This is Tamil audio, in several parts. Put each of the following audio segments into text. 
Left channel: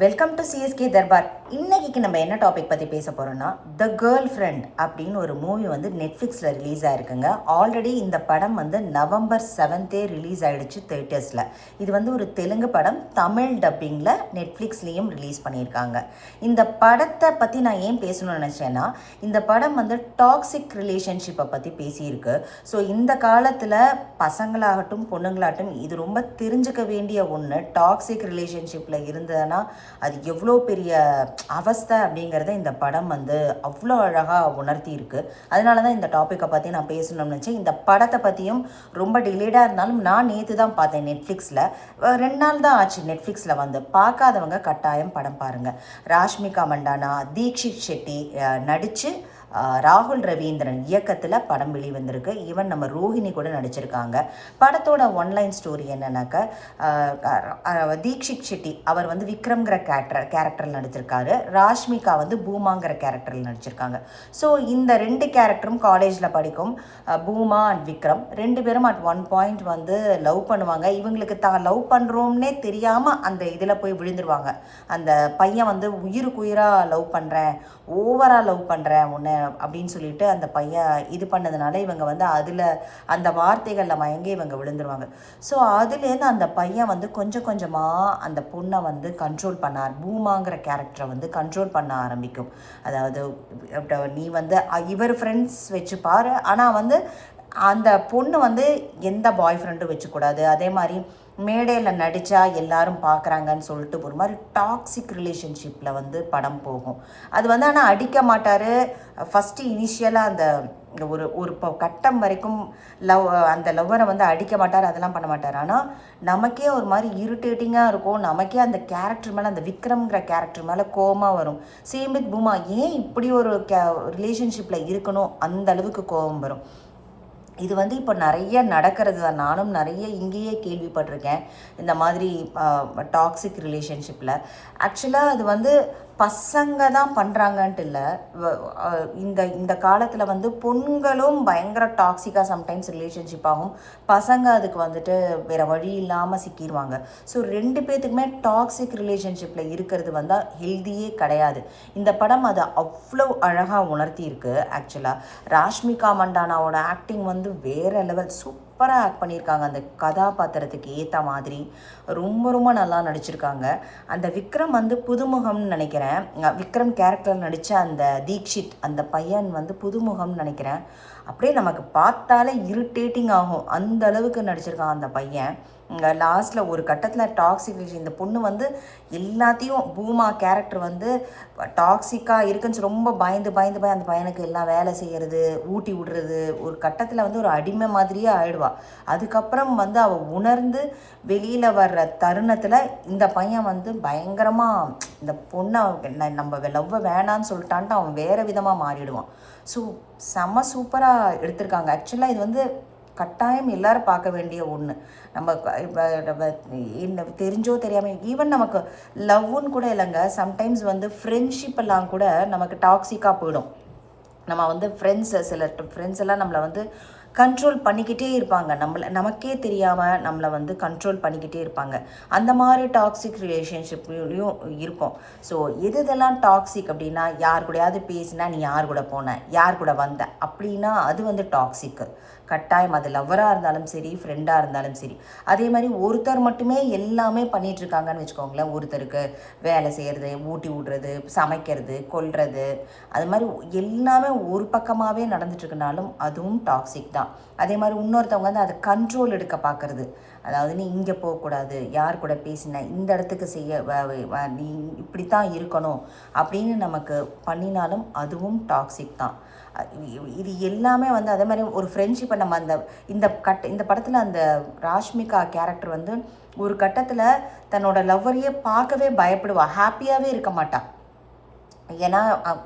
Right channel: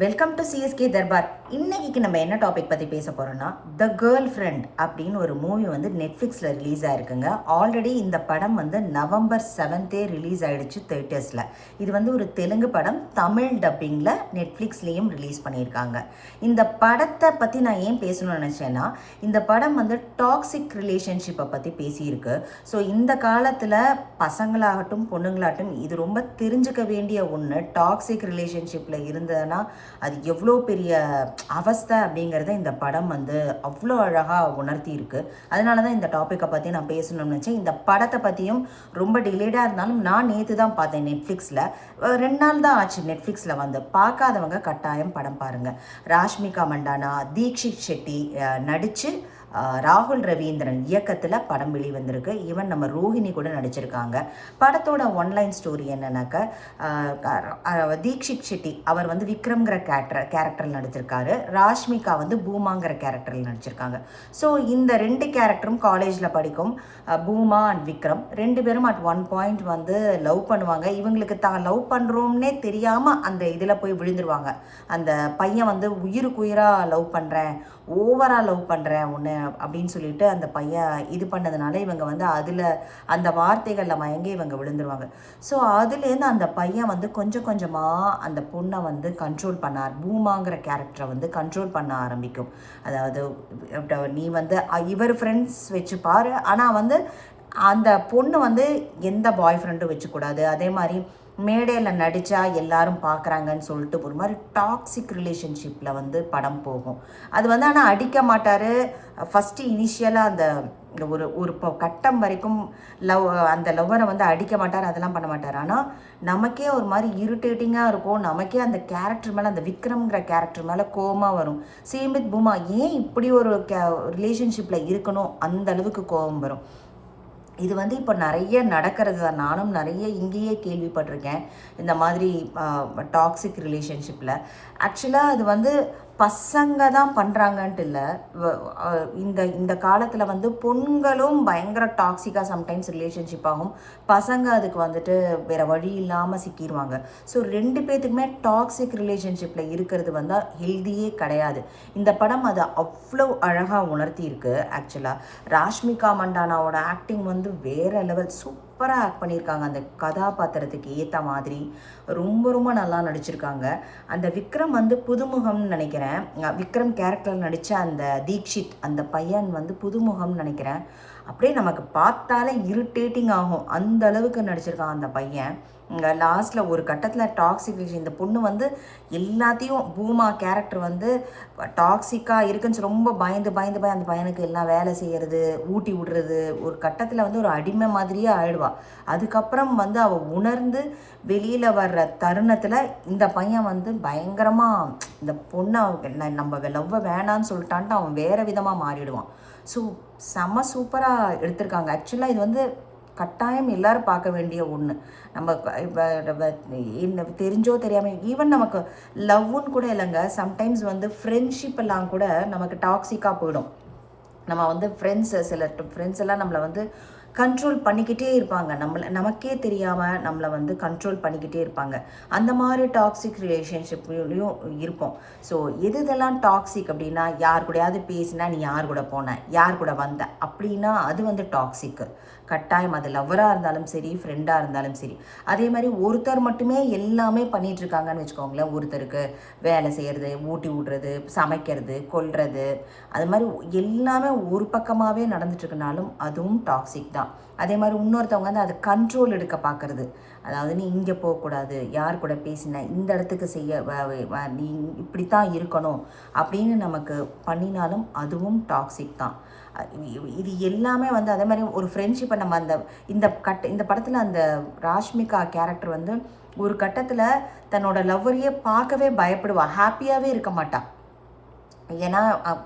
Welcome to CSK Darbar. இன்னைக்கு நம்ம என்ன டாபிக் பற்றி பேச போகிறோம்னா, த கேர்ள் ஃப்ரெண்ட் அப்படின்னு ஒரு மூவி வந்து நெட்ஃப்ளிக்ஸில் ரிலீஸ் ஆகிருக்குங்க. ஆல்ரெடி இந்த படம் வந்து November 7th ரிலீஸ் ஆகிடுச்சு தேட்டர்ஸில். இது வந்து ஒரு தெலுங்கு படம், தமிழ் டப்பிங்கில் நெட்ஃப்ளிக்ஸ்லேயும் ரிலீஸ் பண்ணியிருக்காங்க. இந்த படத்தை பற்றி நான் ஏன் பேசணும்னு நினச்சேன்னா, இந்த படம் வந்து டாக்ஸிக் ரிலேஷன்ஷிப்பை பற்றி பேசியிருக்கு. ஸோ இந்த காலத்தில் பசங்களாகட்டும் பொண்ணுங்களாகட்டும் இது ரொம்ப தெரிஞ்சுக்க வேண்டிய ஒன்று. டாக்ஸிக் ரிலேஷன்ஷிப்பில் இருந்ததுன்னா அது எவ்வளோ பெரிய அவஸ்தை அப்படிங்கிறத இந்த படம் வந்து அவ்வளோ அழகாக உணர்த்தி இருக்கு. அதனால தான் இந்த டாப்பிக்கை பற்றி நான் பேசணும்னு நினச்சேன். இந்த படத்தை பற்றியும் ரொம்ப டிலேடாக இருந்தாலும் நான் நேற்று தான் பார்த்தேன் நெட்ஃப்ளிக்ஸில். 2 நாள் தான் ஆச்சு நெட்ஃப்ளிக்ஸில் வந்து. பார்க்காதவங்க கட்டாயம் படம் பாருங்கள். ராஷ்மிகா மண்டானா, தீக்ஷித் ஷெட்டி நடித்து ராகுல் ரவீந்திரன் இயக்கத்தில் படம் வெளிவந்திருக்கு. ஈவன் நம்ம ரோஹிணி கூட நடிச்சிருக்காங்க. படத்தோட ஒன்லைன் ஸ்டோரி என்னன்னாக்கா, தீக்ஷித் ஷெட்டி அவர் வந்து விக்ரம்ங்கிற கேரக்டரில் நடிச்சிருக்காரு. ராஷ்மிகா வந்து பூமாங்கிற கேரக்டரில் நடிச்சிருக்காங்க. ஸோ இந்த 2 கேரக்டரும் காலேஜில் படிக்கும் பூமா அண்ட் விக்ரம் 2 பேரும் அட் ஒன் பாயிண்ட் வந்து லவ் பண்ணுவாங்க. இவங்களுக்கு தான் லவ் பண்ணுறோம்னே தெரியாமல் அந்த இதில் போய் விழுந்துருவாங்க. அந்த பையன் வந்து உயிருக்கு உயிராக லவ் பண்ணுறேன், ஓவராக லவ் பண்ணுறேன் ஒன்று அப்படின்னு சொல்லிட்டு அந்த பையன் இது பண்ணதுனால இவங்க வந்து அதில் அந்த வார்த்தைகளில் மயங்கி இவங்க விழுந்துருவாங்க. ஸோ அதுலேருந்து அந்த பையன் வந்து கொஞ்சம் கொஞ்சமாக அந்த பொண்ணை வந்து கண்ட்ரோல் பண்ணார். பூமாங்கிற கேரக்டரை வந்து கண்ட்ரோல் பண்ண ஆரம்பிக்கும். அதாவது நீ வந்து இவர் ஃப்ரெண்ட்ஸ் வச்சுப்பார், ஆனால் வந்து அந்த பொண்ணு வந்து எந்த பாய் ஃப்ரெண்டும் வச்சுக்கூடாது. அதே மாதிரி மேடையில் நடித்தா எல்லாரும் பார்க்குறாங்கன்னு சொல்லிட்டு ஒரு மாதிரி டாக்ஸிக் ரிலேஷன்ஷிப்பில் வந்து படம் போகும். அது வந்து ஆனால் அடிக்க மாட்டார். ஃபஸ்ட்டு இனிஷியலாக அந்த ஒரு கட்டம் வரைக்கும் அந்த லவ்வரை வந்து அடிக்க மாட்டார், அதெல்லாம் பண்ண மாட்டார். ஆனால் நமக்கே ஒரு மாதிரி இரிட்டேட்டிங்காக இருக்கும். நமக்கே அந்த கேரக்டர் மேலே, அந்த விக்ரம்ங்கிற கேரக்டர் மேலே கோபமாக வரும். சேம் வித் பூமா, ஏன் இப்படி ஒரு ரிலேஷன்ஷிப்பில் இருக்கணும் அந்த அளவுக்கு கோபம் வரும். இது வந்து இப்போ நிறைய நடக்கிறது தான். நானும் நிறைய இங்கேயே கேள்விப்பட்டிருக்கேன் இந்த மாதிரி டாக்ஸிக் ரிலேஷன்ஷிப்பில். ஆக்சுவலாக அது வந்து பசங்க தான் பண்ணுறாங்கன்ட்டு இல்லை. இந்த காலத்தில் வந்து பொண்களும் பயங்கர டாக்ஸிக்காக சம்டைம்ஸ் ரிலேஷன்ஷிப் ஆகும். பசங்க அதுக்கு வந்துட்டு வேறு வழி இல்லாமல் சிக்கிடுவாங்க. ஸோ 2 பேர்த்துக்குமே டாக்ஸிக் ரிலேஷன்ஷிப்பில் இருக்கிறது வந்து ஹெல்தியே கிடையாது. இந்த படம் அதை அவ்வளோ அழகாக உணர்த்தி இருக்குது. ஆக்சுவலாக ராஷ்மிகா மண்டானாவோட ஆக்டிங் வந்து வேறு லெவல், சூப்பராக ஆக்ட் பண்ணியிருக்காங்க. அந்த கதாபாத்திரத்துக்கு ஏற்ற மாதிரி ரொம்ப ரொம்ப நல்லா நடிச்சிருக்காங்க. அந்த விக்ரம் வந்து புதுமுகம்னு நினைக்கிறேன். விக்ரம் கேரக்டர் நடித்த அந்த தீக்ஷித் அந்த பையன் வந்து புதுமுகம்னு நினைக்கிறேன். அப்படியே நமக்கு பார்த்தாலே இரிட்டேட்டிங் ஆகும், அந்த அளவுக்கு நடிச்சிருக்கான் அந்த பையன். லாஸ்ட்டில் ஒரு கட்டத்தில் டாக்ஸிக் இந்த பொண்ணு வந்து எல்லாத்தையும், பூமா கேரக்டர் வந்து டாக்ஸிக்காக இருக்குன்னு ரொம்ப பயந்து அந்த பையனுக்கு எல்லாம் வேலை செய்கிறது, ஊட்டி விடுறது, ஒரு கட்டத்தில் வந்து ஒரு அடிமை மாதிரியே ஆயிடுவா. அதுக்கப்புறம் வந்து அவள் உணர்ந்து வெளியில் வர்ற தருணத்தில் இந்த பையன் வந்து பயங்கரமாக இந்த பொண்ணை நம்ம லவ்வை வேணான்னு சொல்லிட்டான்ட்டு அவன் வேறு விதமாக மாறிடுவான். ஸோ செம்ம சூப்பராக எடுத்திருக்காங்க. ஆக்சுவலாக இது வந்து கட்டாயம் எல்லோரும் பார்க்க வேண்டிய ஒன்று. நம்ம இப்போ தெரிஞ்சோ தெரியாமல், ஈவன் நமக்கு லவ்வுன்னு கூட இல்லைங்க, சம்டைம்ஸ் வந்து ஃப்ரெண்ட்ஷிப் எல்லாம் கூட நமக்கு டாக்ஸிக்காக போயிடும். நம்ம வந்து சில ஃப்ரெண்ட்ஸ் எல்லாம் நம்மளை வந்து கண்ட்ரோல் பண்ணிக்கிட்டே இருப்பாங்க. நமக்கே தெரியாமல் நம்மளை வந்து கண்ட்ரோல் பண்ணிக்கிட்டே இருப்பாங்க. அந்த மாதிரி டாக்ஸிக் ரிலேஷன்ஷிப்லேயும் இருக்கும். ஸோ இதெல்லாம் டாக்ஸிக் அப்படின்னா, யார் கூடயாவது பேசினா நீ யார் கூட போன, யார் கூட வந்த அப்படின்னா அது வந்து டாக்ஸிக்கு. கட்டாயம் அது லவ்வராக இருந்தாலும் சரி, ஃப்ரெண்டாக இருந்தாலும் சரி. அதே மாதிரி ஒருத்தர் மட்டுமே எல்லாமே பண்ணிகிட்ருக்காங்கன்னு வச்சுக்கோங்களேன். ஒருத்தருக்கு வேலை செய்கிறது, ஊட்டி விடுறது, சமைக்கிறது, கொல்றது, அது மாதிரி எல்லாமே ஒரு பக்கமாகவே நடந்துட்டுருக்குனாலும் அதுவும் டாக்ஸிக் தான். அதே மாதிரி இன்னொருத்தவங்க வந்து அதை கண்ட்ரோல் எடுக்க பார்க்குறது. அதாவது நீ இங்கே போகக்கூடாது, யார் கூட பேசின, இந்த இடத்துக்கு நீ இப்படித்தான் இருக்கணும் அப்படின்னு நமக்கு பண்ணினாலும் அதுவும் டாக்ஸிக் தான். இது எல்லாமே வந்து அதே மாதிரி ஒரு ஃப்ரெண்ட்ஷிப்பை நம்ம இந்த படத்தில் அந்த ராஷ்மிகா கேரக்டர் வந்து ஒரு கட்டத்தில் தன்னோட லவ்வரையே பார்க்கவே பயப்படுவா, ஹாப்பியாகவே இருக்க மாட்டாள். ஏன்னா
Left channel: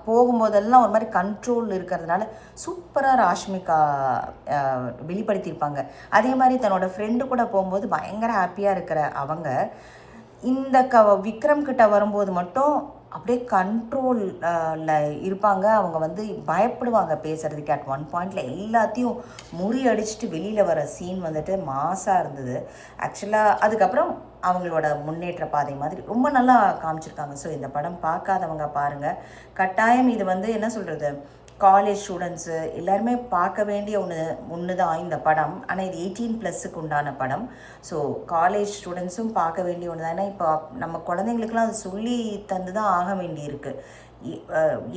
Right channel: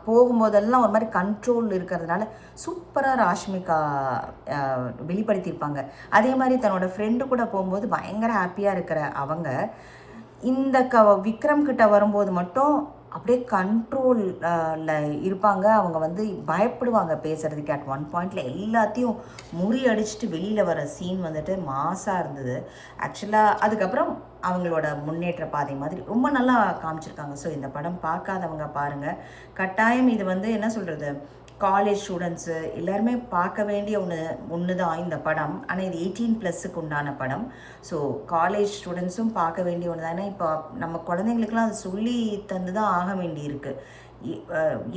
போகும்போதெல்லாம் ஒரு மாதிரி கண்ட்ரோல் இருக்கிறதுனால சூப்பராக ராஷ்மிகா வெளிப்படுத்தியிருப்பாங்க. அதே மாதிரி தன்னோட ஃப்ரெண்டு கூட போகும்போது பயங்கர ஹாப்பியாக இருக்கிற அவங்க இந்த விக்ரம் கிட்ட வரும்போது மட்டும் அப்படியே கண்ட்ரோலில் இருப்பாங்க. அவங்க வந்து பயப்படுவாங்க பேசுகிறதுக்கு. அட் ஒன் பாயிண்டில் எல்லாத்தையும் முறியடிச்சிட்டு வெளியில் வர சீன் வந்துட்டு மாசாக இருந்தது. ஆக்சுவலாக அதுக்கப்புறம் அவங்களோட முன்னேற்ற பாதை மாதிரி ரொம்ப நல்லா காமிச்சிருக்காங்க. ஸோ இந்த படம் பார்க்காதவங்க பாருங்கள். கட்டாயம் இது வந்து என்ன சொல்கிறது, காலேஜ் ஸ்டூடெண்ட்ஸு எல்லாருமே பார்க்க வேண்டிய ஒன்று தான் இந்த படம். ஆனால் இது 18+ உண்டான படம். ஸோ காலேஜ் ஸ்டூடெண்ட்ஸும் பார்க்க வேண்டிய ஒன்று தான். ஏன்னா இப்போ நம்ம குழந்தைங்களுக்குலாம் அது சொல்லி தந்து தான் ஆக வேண்டியிருக்கு.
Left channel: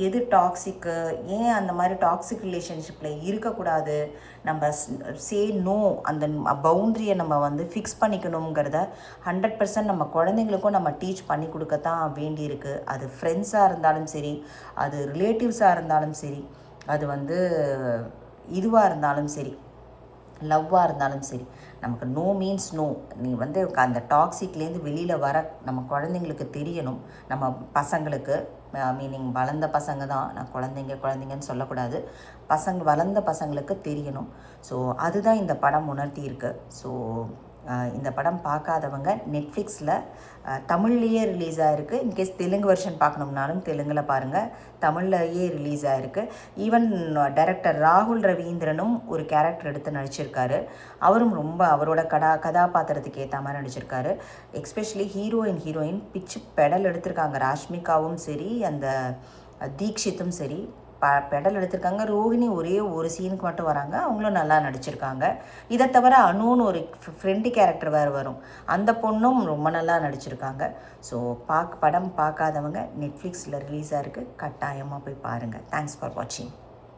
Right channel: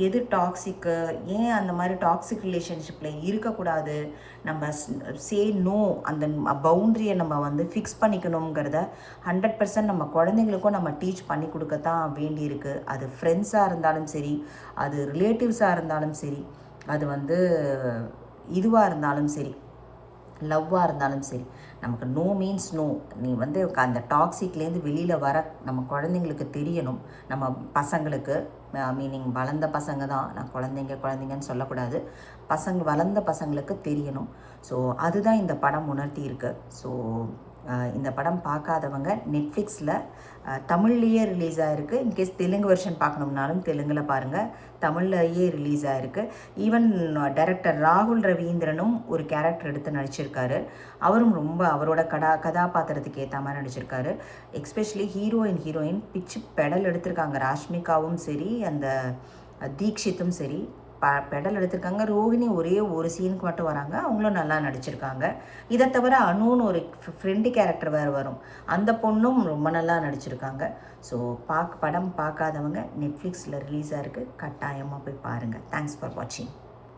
எது டாக்ஸிக்கு, ஏன் அந்த மாதிரி டாக்ஸிக் ரிலேஷன்ஷிப்பில் இருக்கக்கூடாது, நம்ம சே நோ, அந்த பவுண்ட்ரியை நம்ம வந்து ஃபிக்ஸ் பண்ணிக்கணுங்கிறத 100% நம்ம குழந்தைங்களுக்கும் நம்ம டீச் பண்ணி கொடுக்கத்தான் வேண்டியிருக்கு. அது ஃப்ரெண்ட்ஸாக இருந்தாலும் சரி, அது ரிலேட்டிவ்ஸாக இருந்தாலும் சரி, அது வந்து இதுவாக இருந்தாலும் சரி, லவ்வாக இருந்தாலும் சரி, நமக்கு நோ மீன்ஸ் நோ. நீ வந்து அந்த டாக்ஸிக்லேருந்து வெளியில் வர நம்ம குழந்தைங்களுக்கு தெரியணும். நம்ம பசங்களுக்கு, மீனிங் வளர்ந்த பசங்க தான், நான் குழந்தைங்கன்னு சொல்லக்கூடாது, வளர்ந்த பசங்களுக்கு தெரியணும். ஸோ அதுதான் இந்த படம் உணர்த்தி ஸோ இந்த படம் பார்க்காதவங்க நெட்ஃப்ளிக்ஸில் தமிழ்லேயே ரிலீஸ் ஆகிருக்கு. இன்கேஸ் தெலுங்கு வெர்ஷன் பார்க்கணும்னாலும் தெலுங்கில் பாருங்கள், தமிழ்லேயே ரிலீஸ் ஆகிருக்கு. ஈவன் டைரக்டர் ராகுல் ரவீந்திரனும் ஒரு கேரக்டர் எடுத்து நடிச்சிருக்காரு. அவரும் ரொம்ப அவரோட கதாபாத்திரத்துக்கு ஏற்ற மாதிரி நடிச்சிருக்காரு. எஸ்பெஷலி ஹீரோயின் பிச்சு பெடல் எடுத்திருக்காங்க. ராஷ்மிகாவும் சரி, அந்த தீக்ஷித்தும் சரி பெடல் எடுத்திருக்காங்க. ரோஹிணி ஒரே ஒரு சீனுக்கு மட்டும் வராங்க, அவங்களும் நல்லா நடிச்சிருக்காங்க. இதை தவிர அனுன்னு ஒரு ஃப்ரெண்டு கேரக்டர் வேறு வரும், அந்த பொண்ணும் ரொம்ப நல்லா நடிச்சிருக்காங்க. ஸோ படம் பார்க்காதவங்க நெட்ஃப்ளிக்ஸில் ரிலீஸாக இருக்குது, கட்டாயமாக போய் பாருங்கள். தேங்க்ஸ் ஃபார் வாட்சிங்.